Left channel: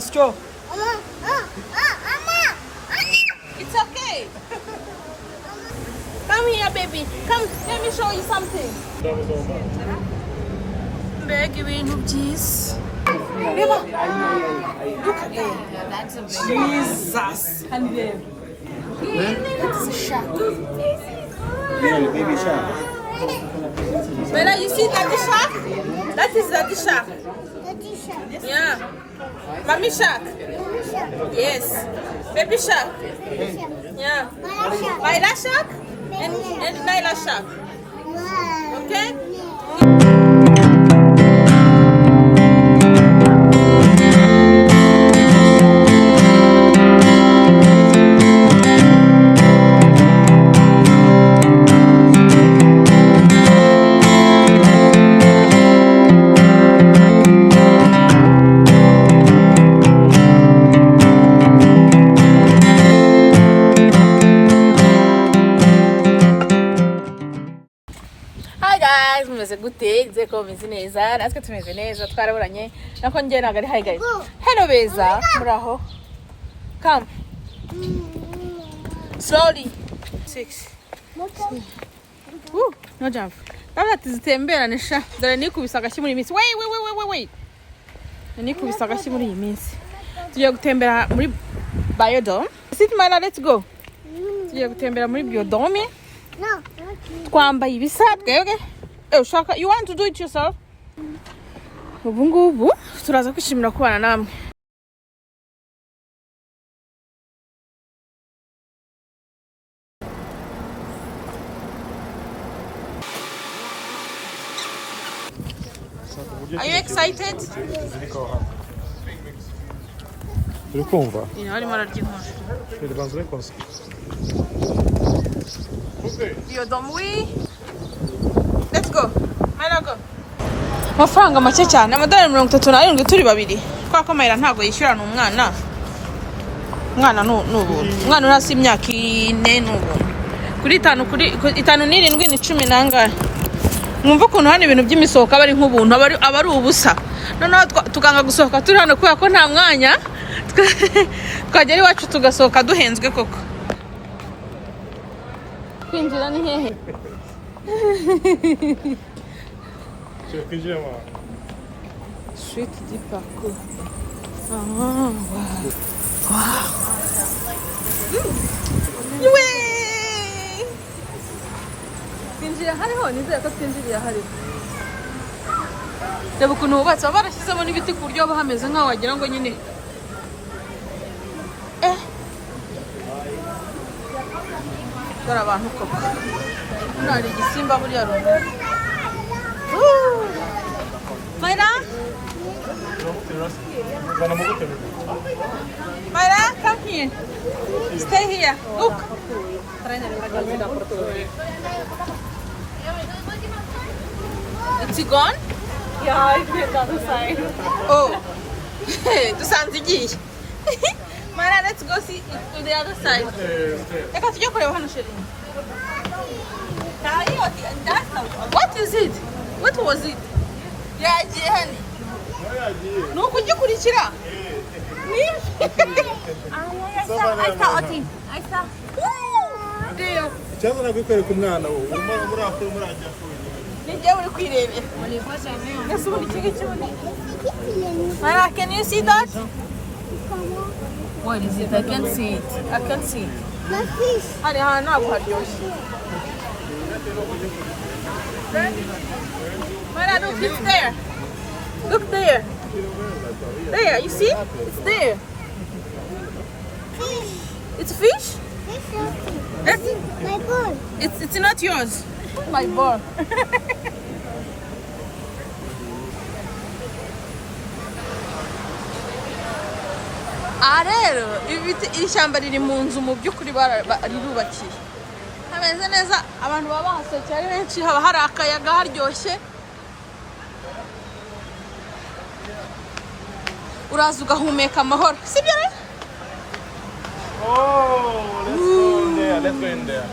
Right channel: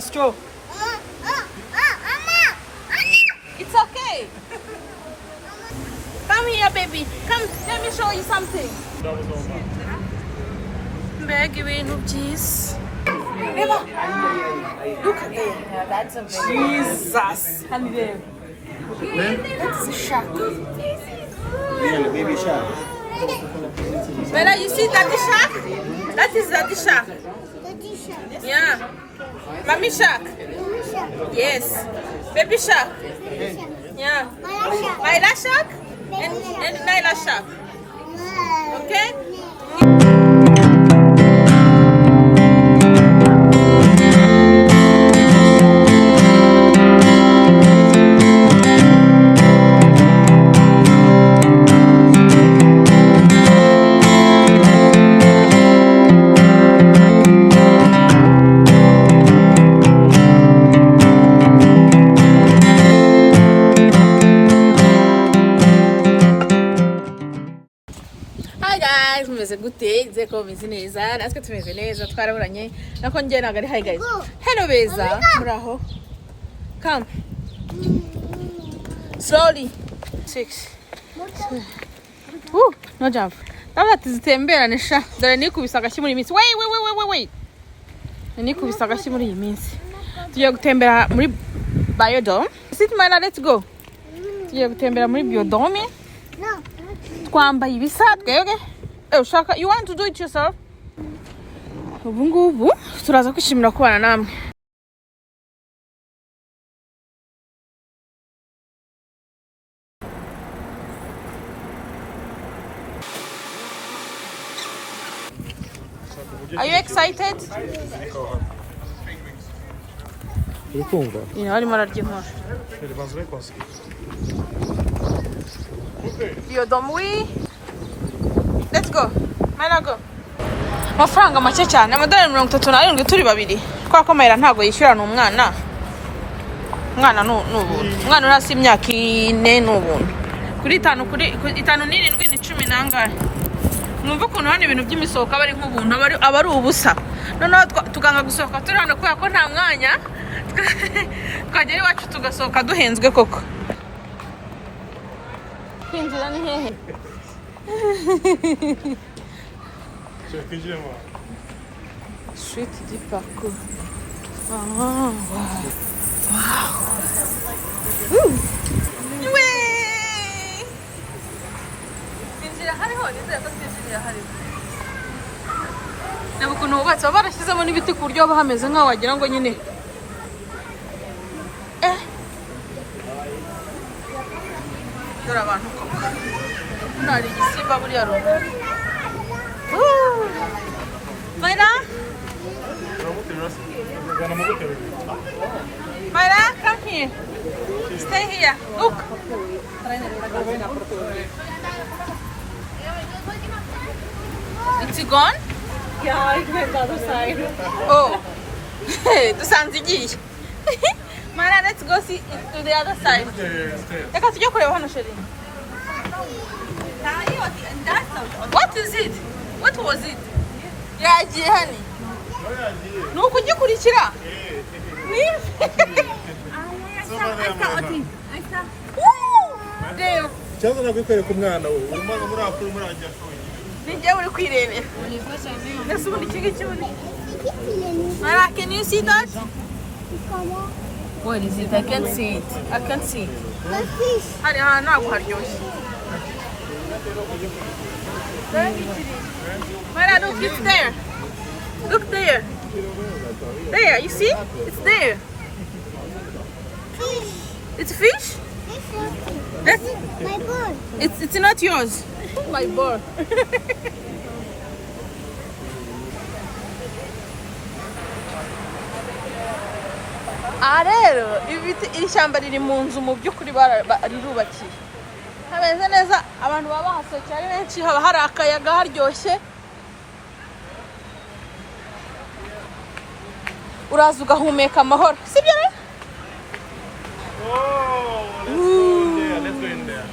Straw. It's okay. Come here, baby. Come, let me show you something. Bag ibintu byiza. Reba. Look at that. That's a Jesus. And there. That's a shark. Yeah, baby shark. Bella, you see daddy shark? That is daddy shark. Daddy shark. Yeah. Mommy shark. Yes. Baby shark. Yeah. Myla shark and Nyla shark. Okay? Mumeze gute nze ko meze neza natwe tumeze neza twaraburanye nako njye nagari hi guys hello beza muraho come slowly 6 no jump ndabona tuzitemberane sha dore nikubisa agashyi muri iminsi wait nikubisa agashyi muri iyi minsi tugiye gutembera muri Biodome sit mana let's go tugiye gutembera muri Biodome twambaye ibisadwe okay Shaka, you want to do it yourself? Ubu ngubu turaza kwishimira kubana namwe. Are you excited? Urikumva? Ino arimo araryinkora. Biodome. Let's go. Mayra go. Amafaranga make cyane. Amadolari 37 turi babiri. Kwa ko Mayra ntago yishyura n'umwana. Umwana n'ubuntu. Umwana urasi imyaka 4 n'ubuntu. Kuri 5 kuri 5 n'irindwi ni 10 nangahe. Mwumva ukuntu hano ibintu by'imisohoka bari nk'ubuntu abari ubusa. Noneho tuganga gusohoka turi hano kuya ko nta mwanya. Twagera iwacu tugasohoka duhenzwe koko. Kwinjira ni hehe? Suite du parcours. Wow. Kwinjira hariho nizeye ko twinjirira hari. Reba ukuntu hubatse barashyizemo n'ibiti ku buryo hameze nk'aho wagira ngo nyine dore abantu ko hari igisimba buriya runaka. Mayra? Mayra, come here. Stay here. Look. It's gone? Yeah, I went the other side. Oh. The sounds igiye. Mayra, let's go see to the other side. Reka tujye kureba hano sheri. What is it? What was it? Yagiye hani. Nuko ujye kurikira. Cyaza nagukwereka umwana we muri akuru muri ajya. Ninjye uri kwirebera. Nese ubundi iki cy'ubundi. Mama, can you see that? What is it? I can't see it. I can't see it. The fish. Hari hano ntabwo haryoshye. Mara, look, it's there. Look there. There, you see? It's there. Fish. It's fish? That's My ball. it's not yours. My ball. Rero iri shyamba riri mu nzu mu by'ukuri rirubakiye hameze neza abantu baba bahasohokeye ari benshi haba hari akayaga haryoshye uraza ugahumeka amahoro sibyo rero Yeah, let's go in there.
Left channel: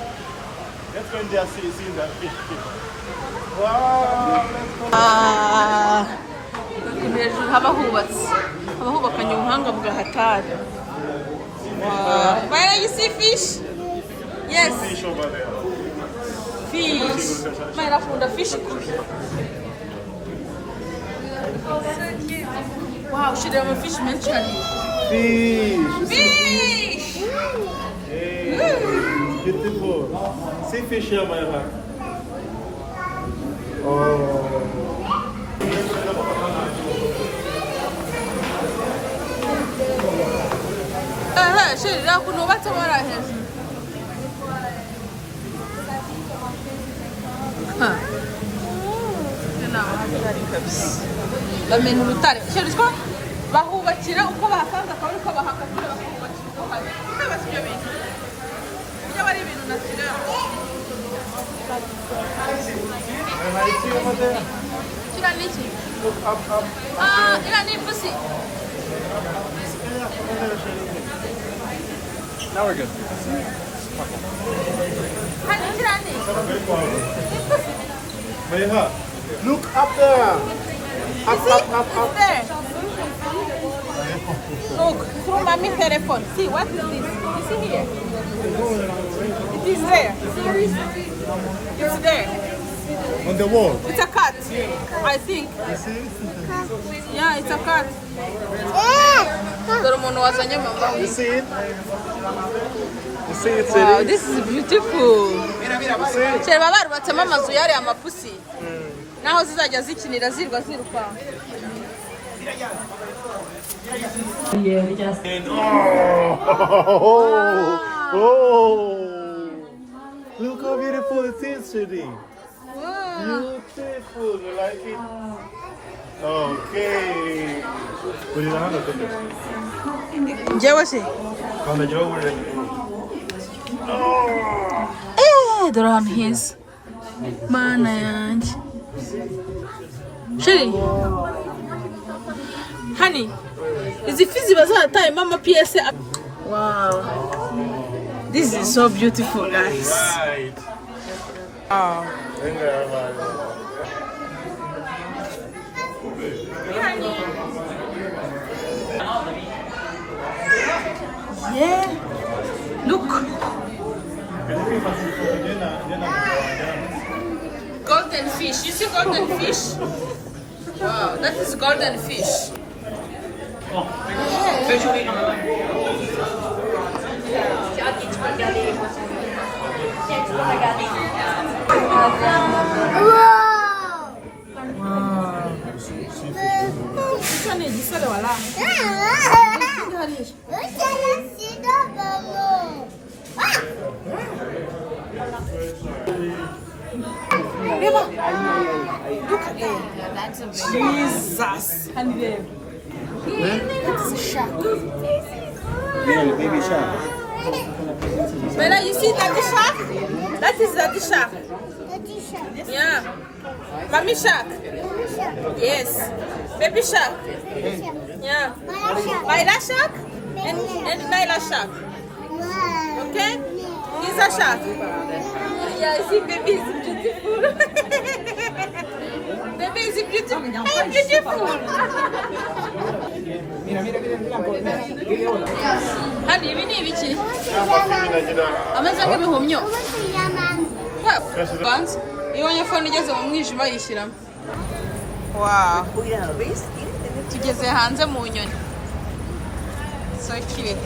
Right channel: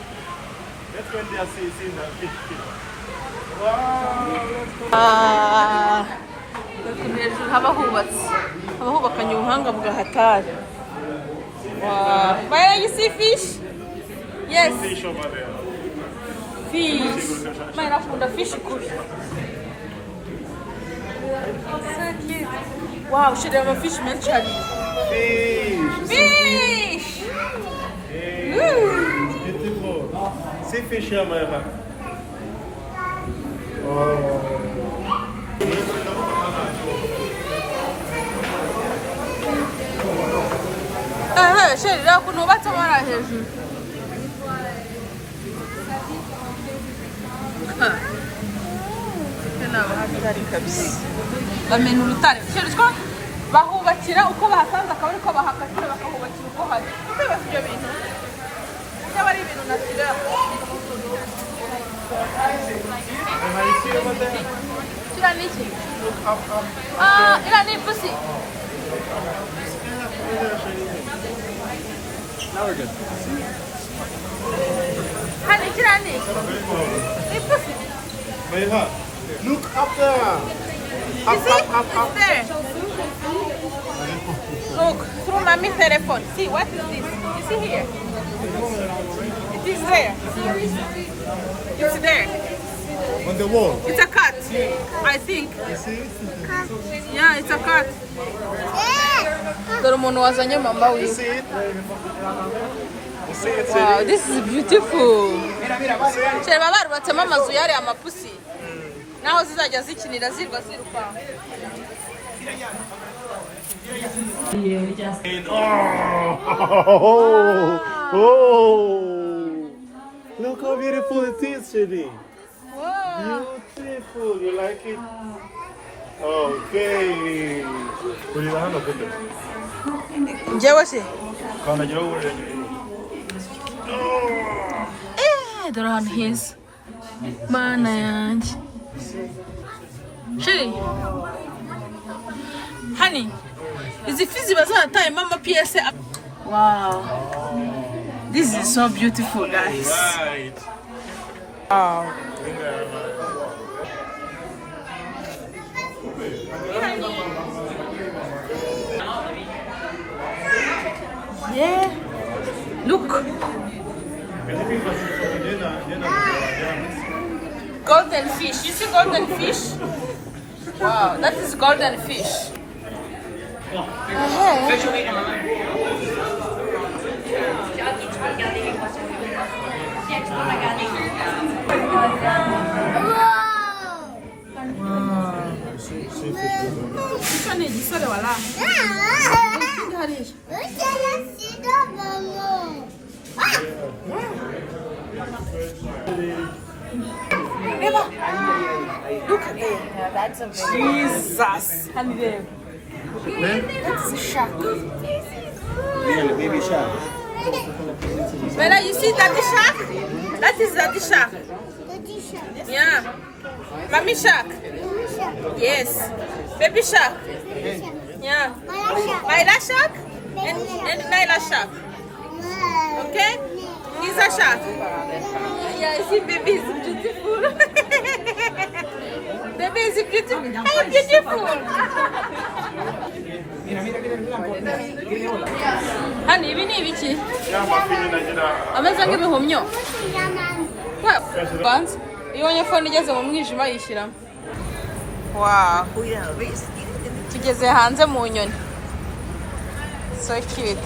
Let's go in there see the fish. Wow, let's go. ukuntu hejuru haba hubatse, haba hubakanye ubuhanga bwa hatari. Wow. Mayra, you see fish? Yes. Fish over there. Fish. Mayra akunda fish kubi. Wow, shira ama fish menshi hari. Fish. Fish. Hey, beautiful. See fish here, Mayra. Oh. Shira ukuntu hubatse amara hejuru. Hatari kabisa. Bamena urutare. Shira bahubakira uko bahasanze akaba ariko bahakatira bakahubakira uko hari. Kwibaza ibyo bintu. Byaba ari ibintu nasira. Shira niki? Ila ni pussy. Now we're good. Honey, Kirani. Mayra, look up there. You see? It's there. Look, through mommy's telephone. See, what is this? You see here? It is there. It's there. On the wall. It's a cat, I think. You see? Yeah, it's a cat. Dore umuntu wazanye mama You wiwe. see it? You see it? Wow, this is beautiful. Sheba barubatsemo amazu yari amapusi. Naho zizajya zikinira zirwa ziruka. Oh! Look how beautiful it is, Shady. Wow. Beautiful. You like it? Okay. What do you want to put it? Njyewe se? On the job. Dore ahantu heza. Mana yanjye. Shiri. Honey, izi fi ziba zaratayemo amapiyese. Wow. This is so beautiful, guys. Right. Wow. Yeah. Look. Golden fish. You see golden fish? Wow, that is golden fish. This one is igisore wala. Look at that. Jesus. And there. That's a shark. Yeah, the baby shark. Bella, you see daddy shark? That is daddy shark. Yeah. Mommy shark. Yes. Baby shark. Yeah. Myla shark and Nyla shark. Okay? He's a shark. Yeah, I see baby is beautiful. Baby is beautiful. How beautiful. Honey, we need it. Ameze nk'ibihumyo. Banze. Iyo nyafone igeze mu mwijima yishyiramo. Wow. Tugeze hanze mu nyoni. So cute.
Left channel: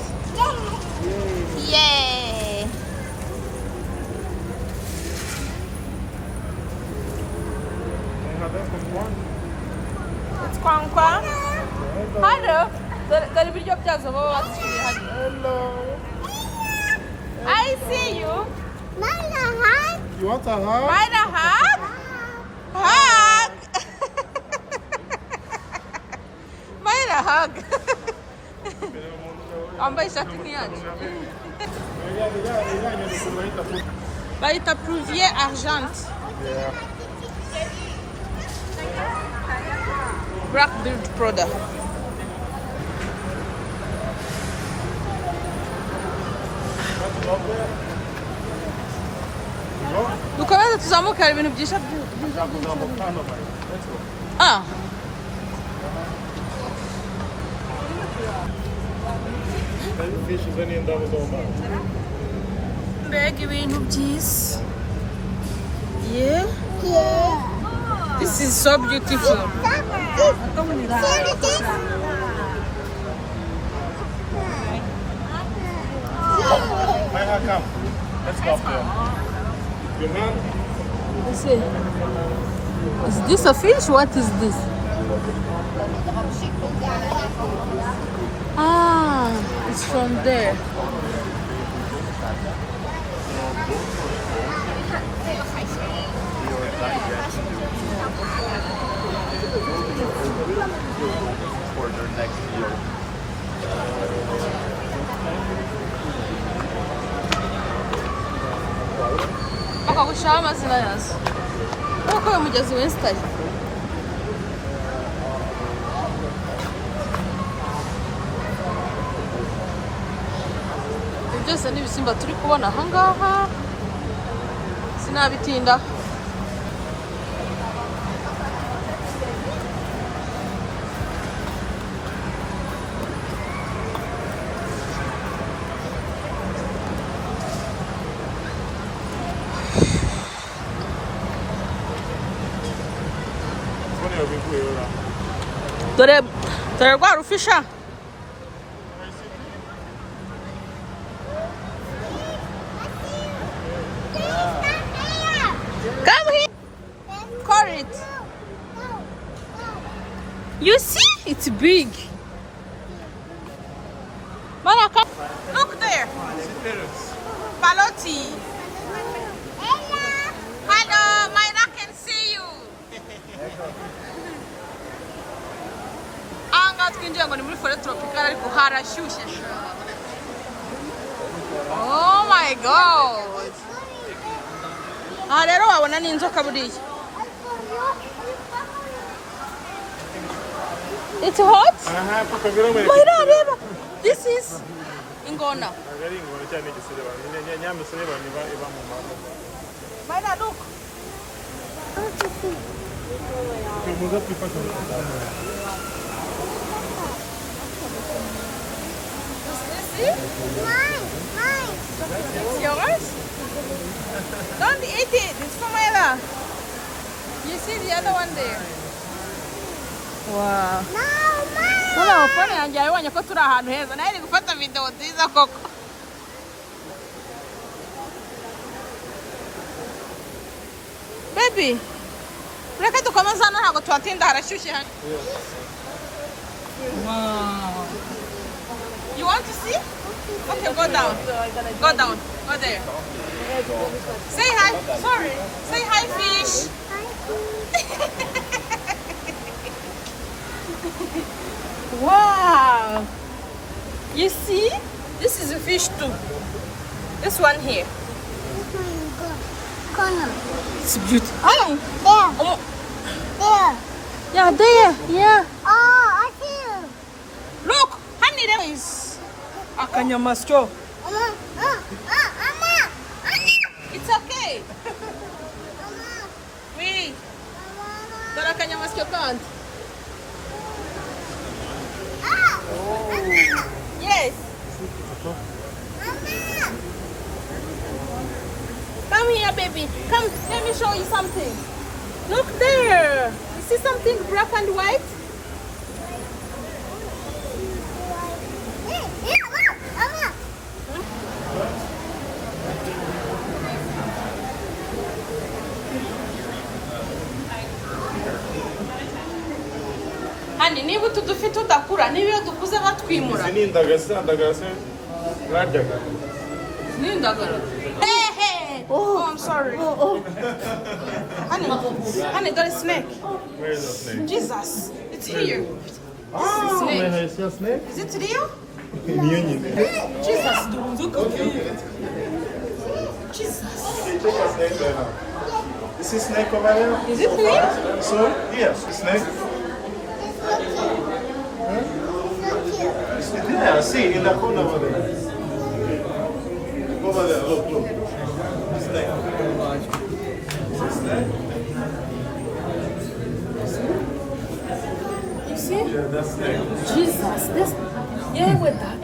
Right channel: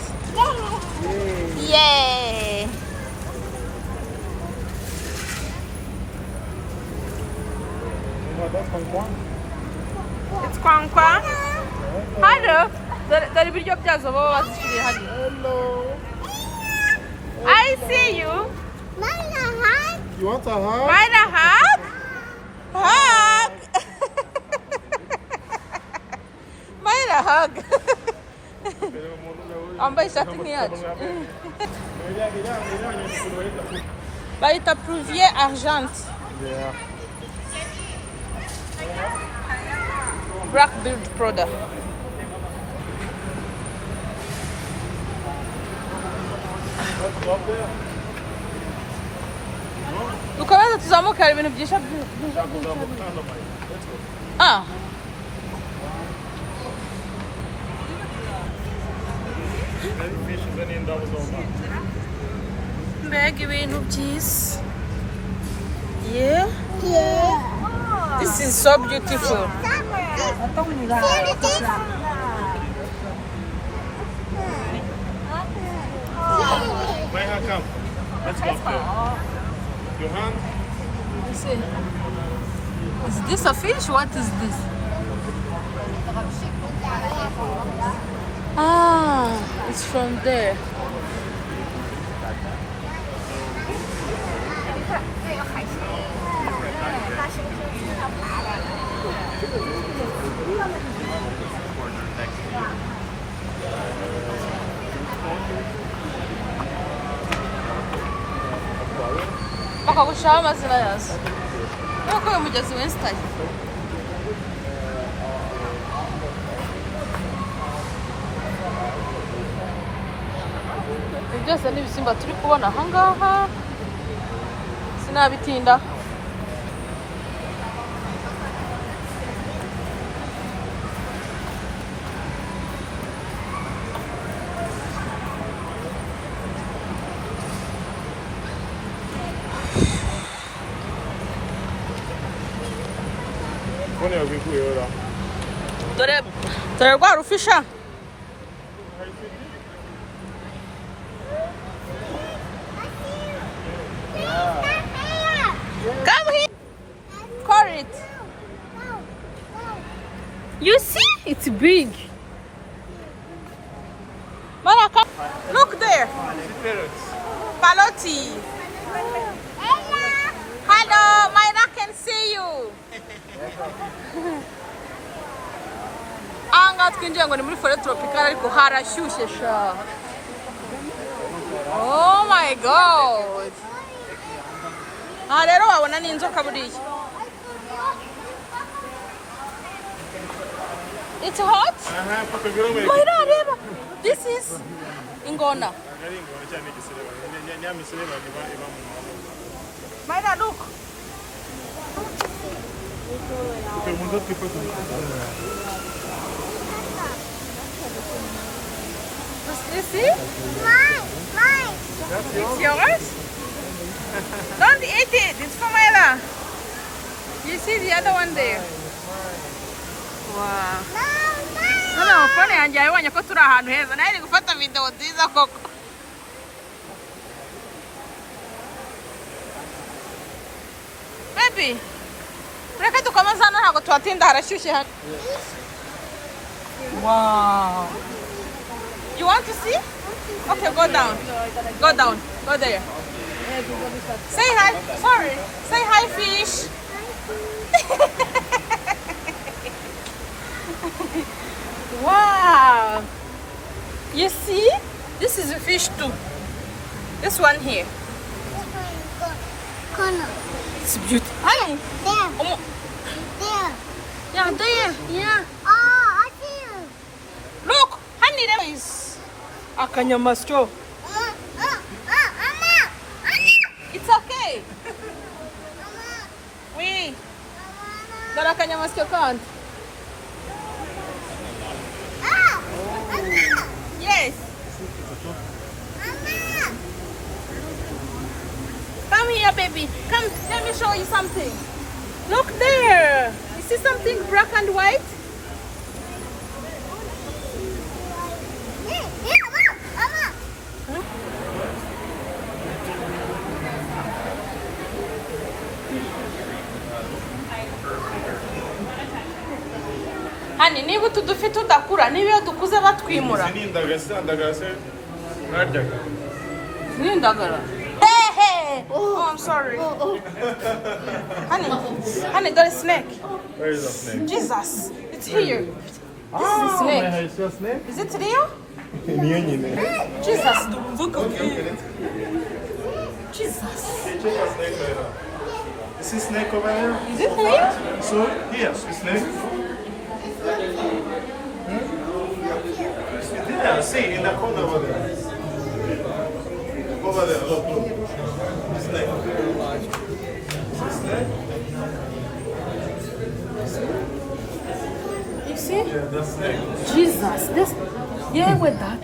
Yay. It's Kwankwa. Hello. Dore ibiryo byazo baba bazishyiriye hano. Hello. I see you. You want a hug? Mind a hug? Hug. Mind a hug. Wambaye ishati nk'iyacu. Bayita Prouvier Argent. Blackbeard product. Dukomeze tuzamuka, hari ibintu byiza byiza. Ah. fish is any doubles or not. Mbega ibintu byiza. Yeah. Yeah. This is so beautiful. Maya, come. Let's go. You want? Let's see. Is this a fish? What is this? Ah, it's from there. Bakagushiraho amazina yazo. Nuko uyu mugezi wesitaye. Ibi byose ni ibisimba turi kubona ahangaha. Sinabitinda. Dore rwa rufisha. Come here. Call it. You see? It's big. Maraka, look there. Paloti. Hello, Myra can see you. Anga twinjiye ngo ni muri forêt tropicale ariko harashyushye sha. Oh my god. Aha rero wabona ni inzoka buriya. It's hot? Myra reba. This is ingona. Myra look. You see? Mine. It's yours? Don't eat it. It's for Myra. You see the other one there? Wow. Noneho phone yanjye yabonye ko turi ahantu heza. Nayo iri gufata video nziza koko. Baby. Reka dukomeze hano ntabwo tuhatinda harashyushye hano. Wow. You want to see? Okay, go down. Go down. Go there. Say hi. Sorry. Say hi, fish. Wow. You see? This is a fish too. This one here. Corner. It's beautiful. Honey. There. Oh, There. yeah, there. Yeah. Oh, I see you. Look. Honey, there is akanyamasyo. It's okay. Oui. Dore akanyamasyo kandi. Yes. Come here, baby. Come, let me show you something. Look there. You see something black and white? Hani niba utu dufi tudakura niba iyo dukuze batwimura. Izi ni indagara mwaryaga. Ni indagara. Hey! Oh, I'm sorry. Honey, there is snake. Where is the snake? Jesus, it's here. Oh, snake. I see a snake. Is it real? Jesus, look at it. Jesus. You see snake over there? Is it real? So, yes, a snake. Yeah, see, in the corner over there. Over there, look. Snake. Snake? You see? Yeah, that's snake. Jesus, this. Yeah, with that.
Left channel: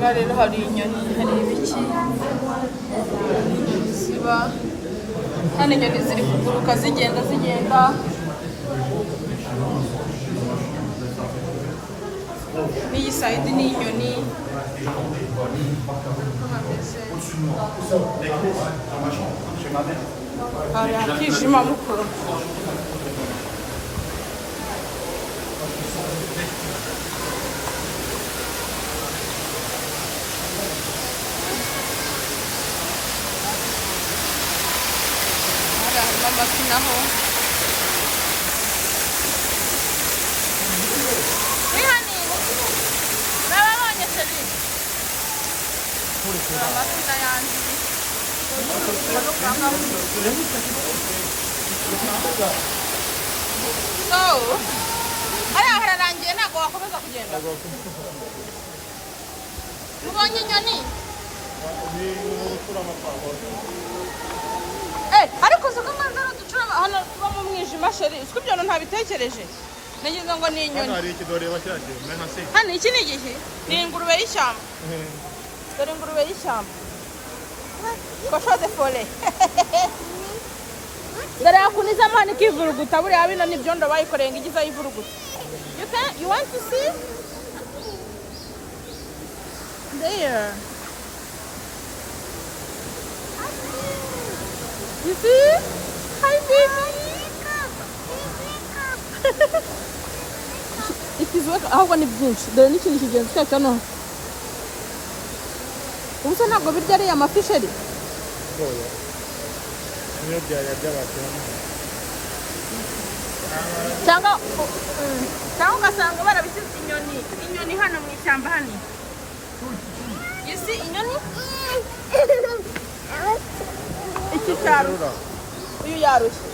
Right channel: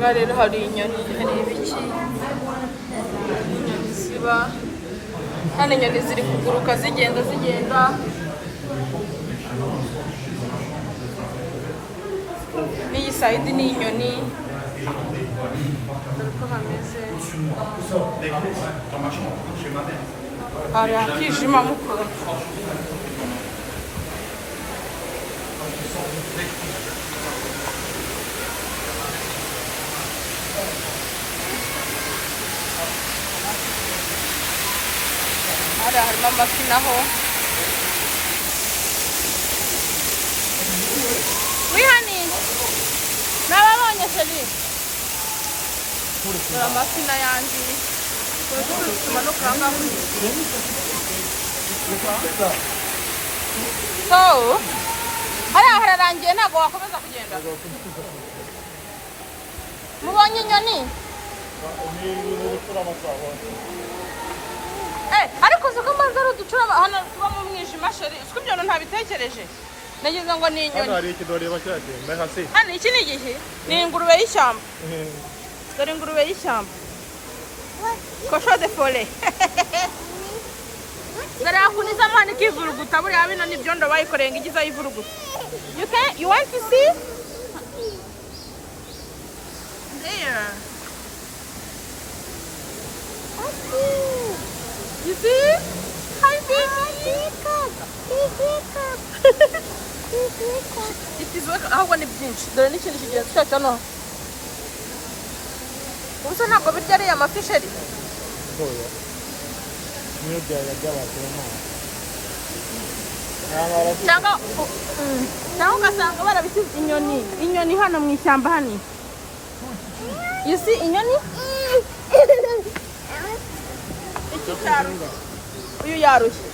Aha rero hari inyoni, hari ibiki ziba hano, inyoni ziri kuguruka zigenda n'iyi sayidi ni inyoni, dore uko hameze. Hari akijima mukuru. Harimo amafi naho. Wihani nababonye sheri. Amafi n'ayandi. So, hariya hararangiye ntabwo wakomeza kugenda. Mubonye inyoni? Ariko uzi ko manza ari uducura hano tuba mu mwijima sheri, uzi ko ibyo ntabitekereje. Nagize ngo ni inyoni. Hano iki ni igihe? Ni ingurube y'ishyamba. Dore ingurube y'ishyamba. Kosho de fole. Dore akuniza mani kivuruguta, buriya bino ni byondo bayikoreye ngo igize ayivuruguta. You want to see? There. You see? Hi baby. It is work. Ahubwo ni byinshi. Dore n'ikindi kigenzi cyacu hano. Ubuso ntabwo birya ariya mafi sheri. Niyo by'abantu. Cyangwa ugasanga barabisize inyoni hano mu ishyamba hano. You see inyoni? Iki cyaro. Uyu yarushye.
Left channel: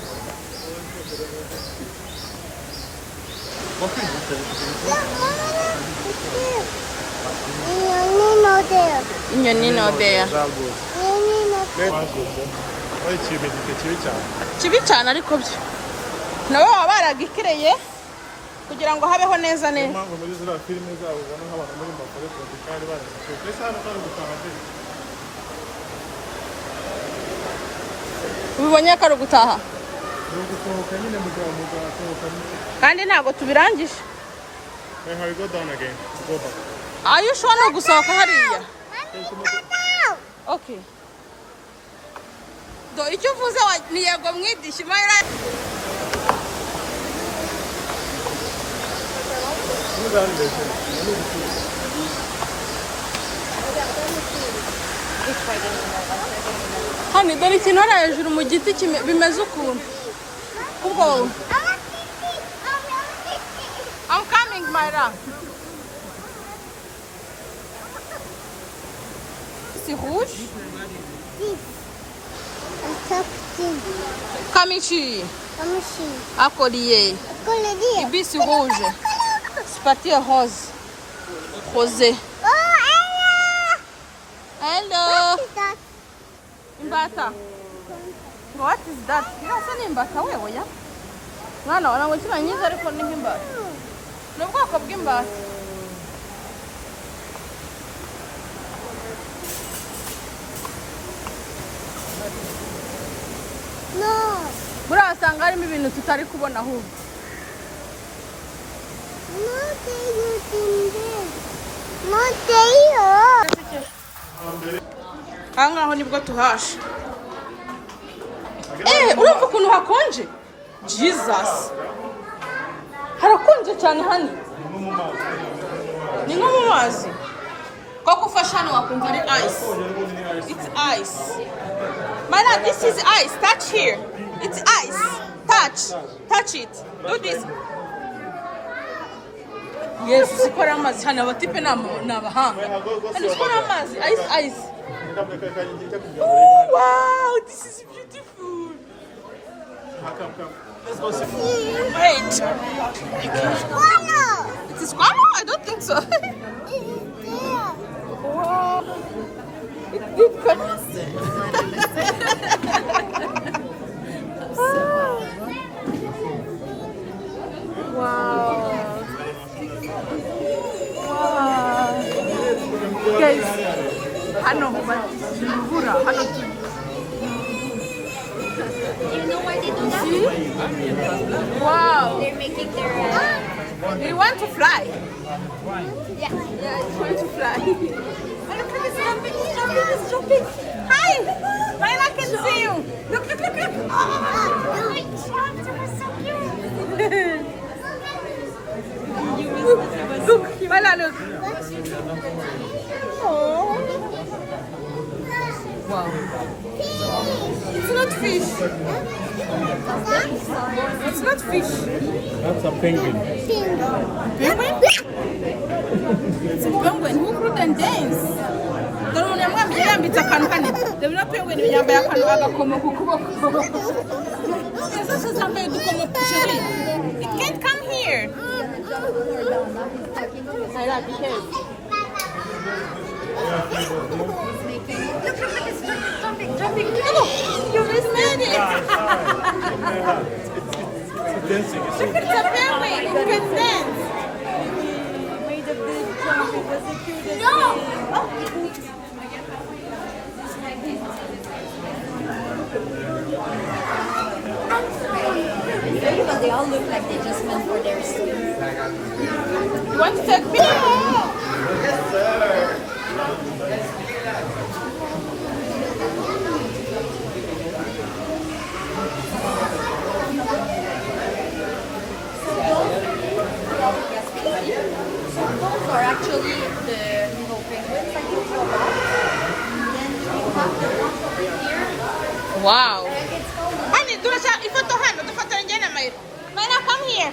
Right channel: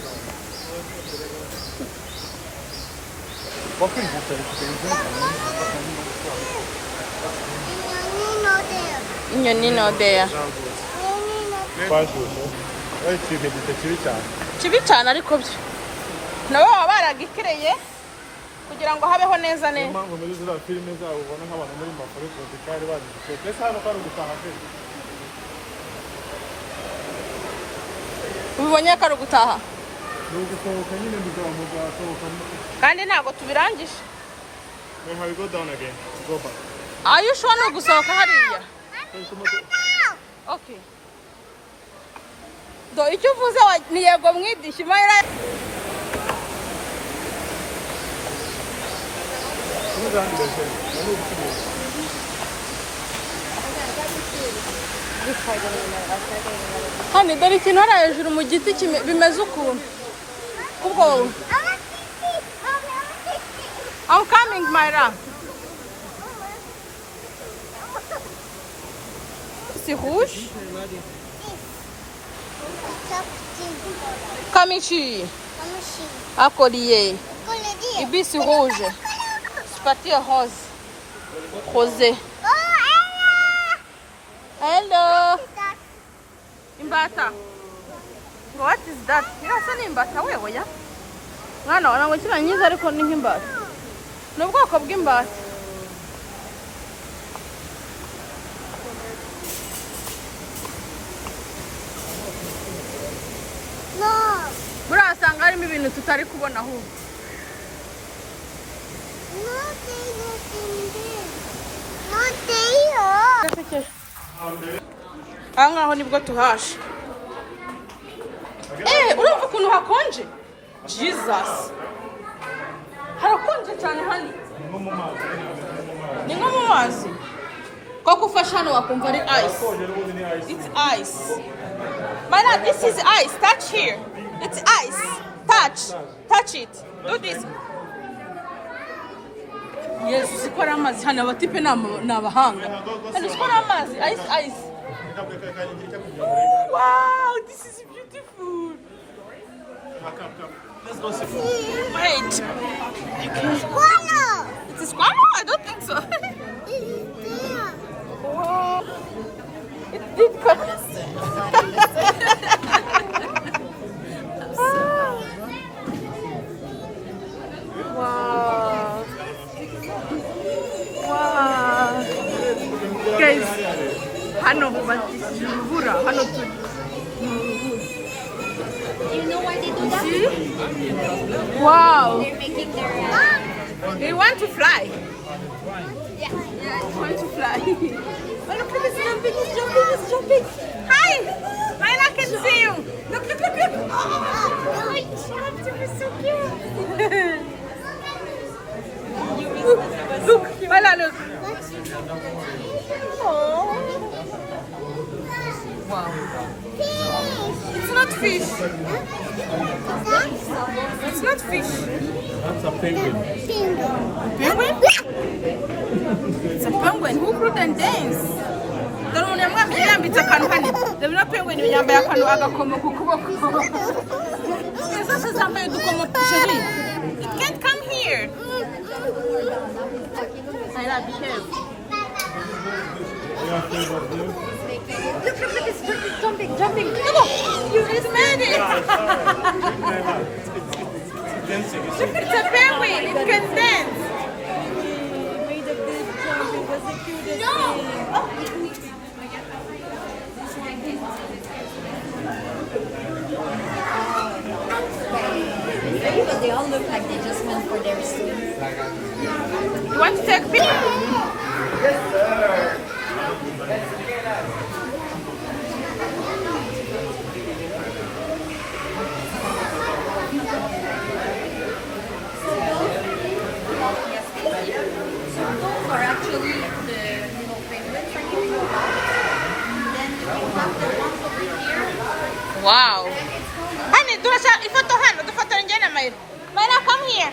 Inyoni no there. Kibi cyane ariko byo. Nabo baba baragikireye kugira ngo habeho neza neza. Ubibonye ko ari gutaha. Kandi ntabwo tubirangije. How you go down again? Go back. Are you sure no gusohoka hariya? Okay. Do icyo uvuze ni yego mwidishi mara. Hano dore ikintu hariya hejuru mu giti bimeze ukuntu. Kubwo I'm coming, Myra. C'est rouge? Comme ici. À collier. Et puis c'est rouge. C'est parti rose. Rosé. Hello. Imbata. What is that? Irasa ni imbata wewe ya? Mwana wana ngo kiranyiza ariko ni nk'imbata. Ni ubwoko bw'imbata. Burasanga harimo ibintu tutari kubona ahubwo. Aha ngaho nibwo tuhashe. Urumva ukuntu hakonje? Jesus. Harakonje cyane hano. Ni nko mu mazi. Koko ufashe hano wakumva ari ice. It's ice. Mana, this is ice. Touch here. It's ice. Touch it. Do this. Yes, sikora amazi hano abatipe n'abahanga. Hano sikora amazi. Ice. Oh, wow, this is beautiful. Come. Let's go see. Wait. It's squirrel. It's a squirrel? I don't think so. Wow. It did come. Wow. Guys, hano hubakishije urubura hano turi. You know why they do that? See? Wow. They're making their. They want to fly. Yeah. Yeah, it's going to fly. Oh, look, it's jumping, it's jumping, it's jumping. Hi! Myla can see you. Look, look, look, look. Oh, I jumped. It was so cute. Look, Myla, look. Oh. Wow. It's not fish. It's not fish. That's a penguin. Penguin? It's a penguin. Who couldn't dance? Dore umuntu yamwambye yambitse akantu hano. Dore na penguin yambaye akantu agakomo ku kuboko. Zose zambaye udukomo chérie. It can't come here. Myla, be careful. Look, it's jumping, jumping. Look, you just made it. It's dancing. Look, it's a penguin. It can dance. Made a big jump. It was the cutest No. But they all look like they just went for their swim. You want to take a picture? Or actually the little penguins, I think. And then we have the ones over here. Wow. Honey, do us a photo, honey. The photo in Myla, come here.